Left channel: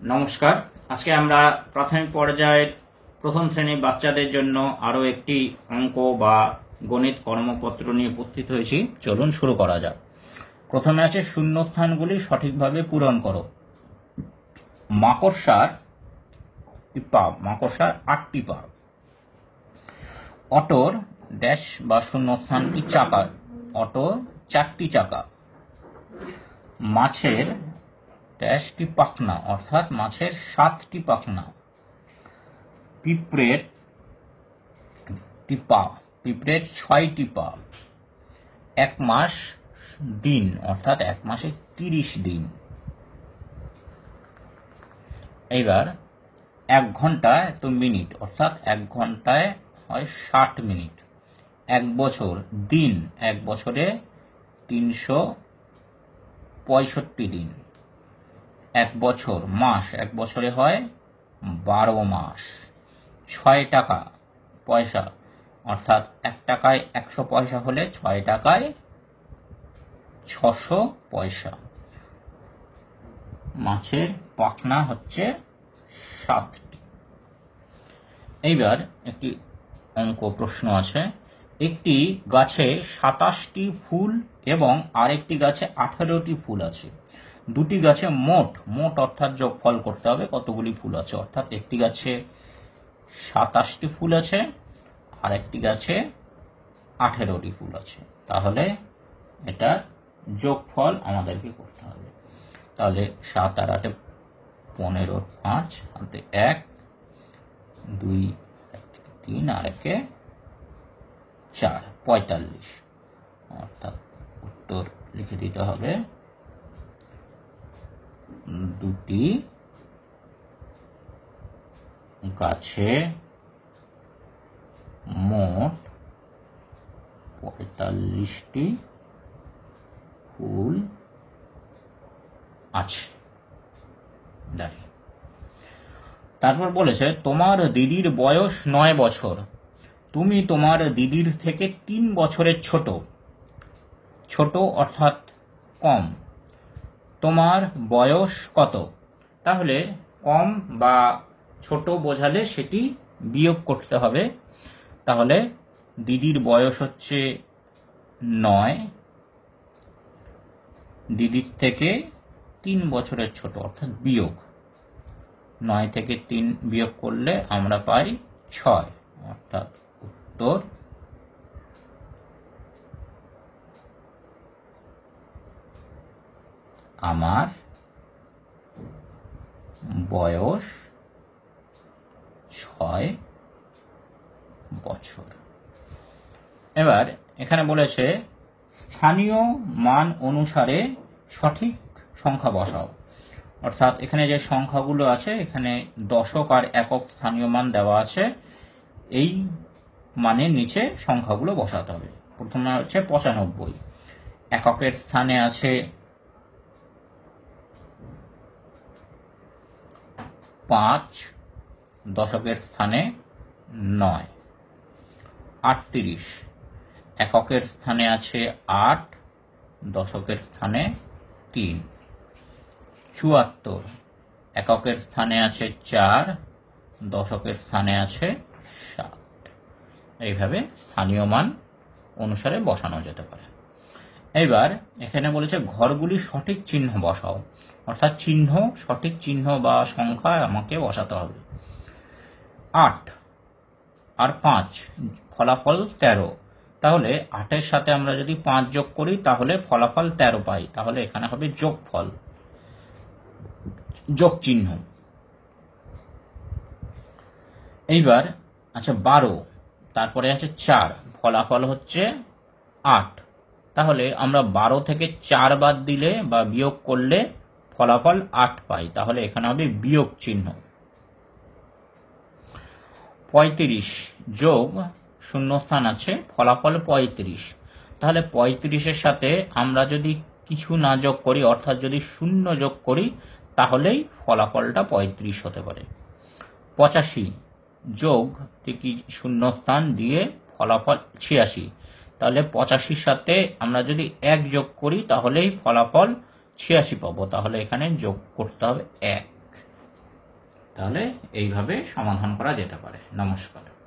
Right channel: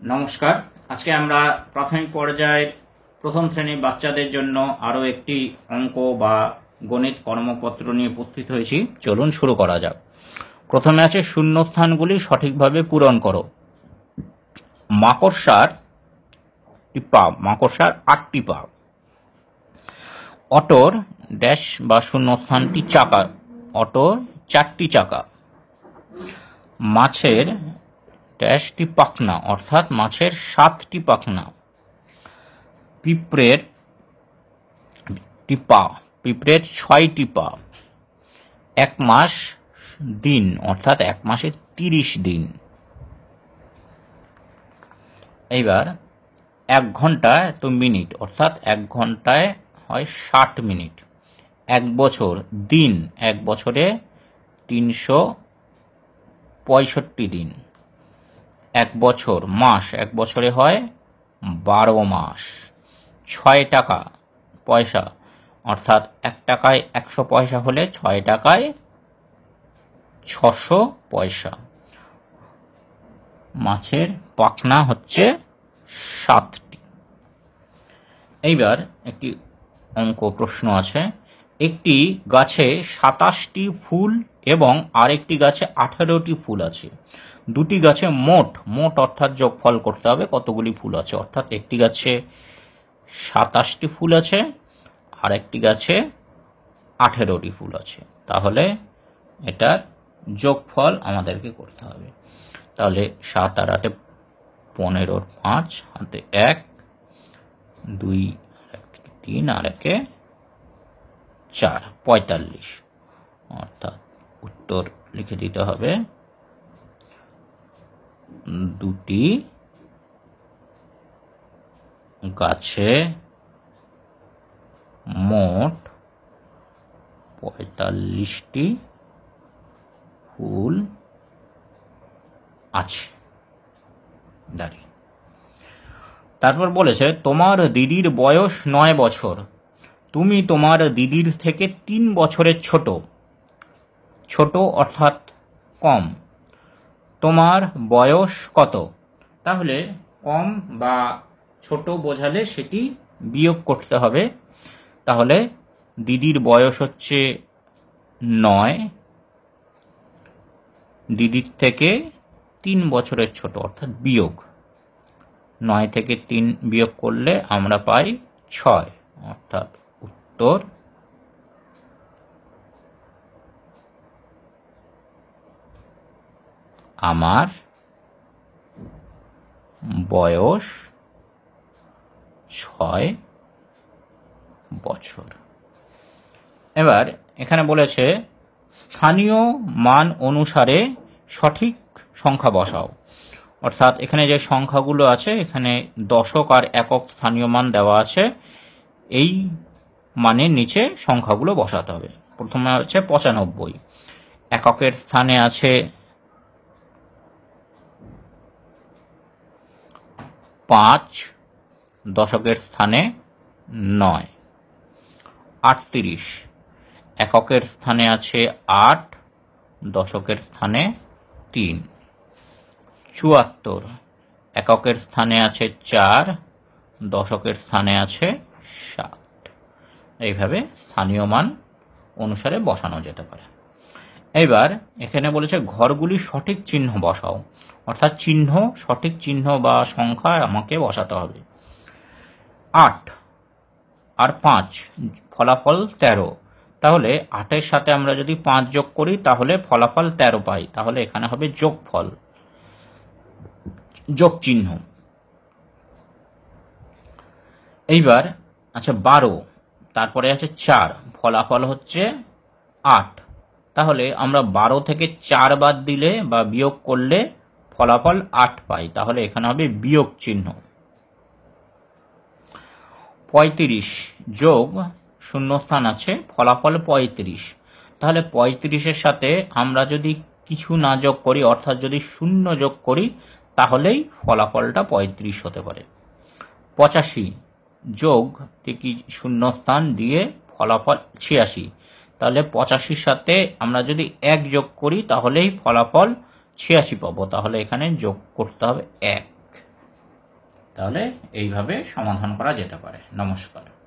নমস্কার। আজকে আমরা প্রাথমিক পর্যায়ের প্রথম শ্রেণীর বাচ্চাদের জন্য আরো একটি অঙ্ক বা গণিত কর্মপত্র নিয়ে উপস্থিত হয়েছি। চলুন শুরু করা যাক। প্রথমে আছে শূন্যস্থানগুলি সঠিকভাবে পূরণ করো। মাকড়সার 8টি পা। অটোর ড্যাশ বা শূন্যস্থানটি চাকা, অটোর 4টি চাকা। মাছের ড্যাশটি পাখনা, অর্থাৎ মাছের 7টি পাখনা। পিঁপড়ের 6টি পা। 1 মাস দিন, অর্থাৎ 1 মাসে 30 দিন। এইবার 1 ঘন্টায় তো মিনিট, অর্থাৎ 1 ঘন্টায় হয় 60 মিনিট। 1 বছর দিন, 1 বছরে 365 দিন। 1 বছর মাস, 1 বছরে হয় 12 মাস। 6 টাকা পয়সা, অর্থাৎ 1 টাকায় 100 পয়সা হলে 6 টাকায় 600 পয়সা। মাছের পাখনা হচ্ছে 7টি। এইবার একটি অঙ্ক প্রশ্ন আছে। একটি গাছে 27টি ফুল এবং আরেকটি গাছে 18টি ফুল আছে। দুটি গাছে মোট অর্থাৎ যোগফল করতে হবে কতগুলি ফুল আছে, অর্থাৎ একটি গাছে 27টি ফুল আছে আর একটি গাছে 18টি ফুল আছে। তাহলে এটার যোগফল আমাদেরকে করতে হবে। তাহলে 7 আর 8 15, 5 হাতে 1, 2 3 আর 1 4, 45। অর্থাৎ উত্তর লিখে দিতে হবে, দুটি গাছে মোট 45টি ফুল আছে। তারপর বলেছে তোমার দিদির বয়স 9 বছর। তুমি তোমার দিদির থেকে 3 বছরের ছোট অর্থাৎ কম। তোমার বয়স কত? তাহলে কম বা ছোট বোঝালে সেটি বিয়োগ করতে হবে। তাহলে দিদির বয়স হচ্ছে 9, দিদির থেকে 3 বছরের ছোট, অর্থাৎ বিয়োগ। 9 থেকে 3 বিয়োগ করলে আমরা পাই 6, অর্থাৎ উত্তর আমার বয়স 6 বছর। এবার এখানে বলেছে স্থানীয় মান অনুসারে সঠিক সংখ্যা বসাও। অর্থাৎ এখানে যে সংখ্যাগুলো আছে, এখানে দশক আর একক স্থানীয় মান দেওয়া আছে। এই মানের নিচে সংখ্যাগুলো বসাতে হবে। প্রথমে আছে 95, এককের স্থানে আছে 5, দশকের স্থানে 9। 38, এককের স্থানে আছে 8, দশকের স্থানে 3। 74, এককের স্থানে আছে 4, দশকের স্থানে আছে 7। এইভাবে স্থানীয় মান অনুসারে বসানো যেতে পারে। এইবার এখানে বলেছে ঘরগুলি সঠিক চিহ্ন বসাও, অর্থাৎ সঠিক চিহ্ন বা সংখ্যা আমাকে বসাতে হবে। 8 আর 5 ফলাফল 13। তাহলে 8-এর সাথে আমরা যদি 5 যোগ করি তাহলে ফলাফল 13 পাই। তাহলে এখানে হবে যোগফল, যোগ চিহ্ন। এইবার আচ্ছা 12, তারপরে আছে 4, ফলাফল হচ্ছে 8। তাহলে আমরা 12 থেকে 4 বাদ দিলে বা বিয়োগ করলে ফলাফল 8 পাই। তাহলে এখানে হবে বিয়োগ চিহ্ন। 35 যোগ শূন্যস্থান আছে, ফলাফল 35। তাহলে 35-এর সাথে আমরা যদি কিছু না যোগ করি, অর্থাৎ যদি 0 যোগ করি, তাহলেই ফলাফলটা 35 হতে পারে। 85 যোগ থেকে শূন্যস্থান দিয়ে ফলাফল 86। তাহলে 85-র সাথে আমরা যদি 1 যোগ করি তাহলেই ফলাফল 86 পাবো। তাহলে এখানে যোগ করতে হবে 1। তাহলে এইভাবে সমাধান করা যেতে পারে। নমস্কার।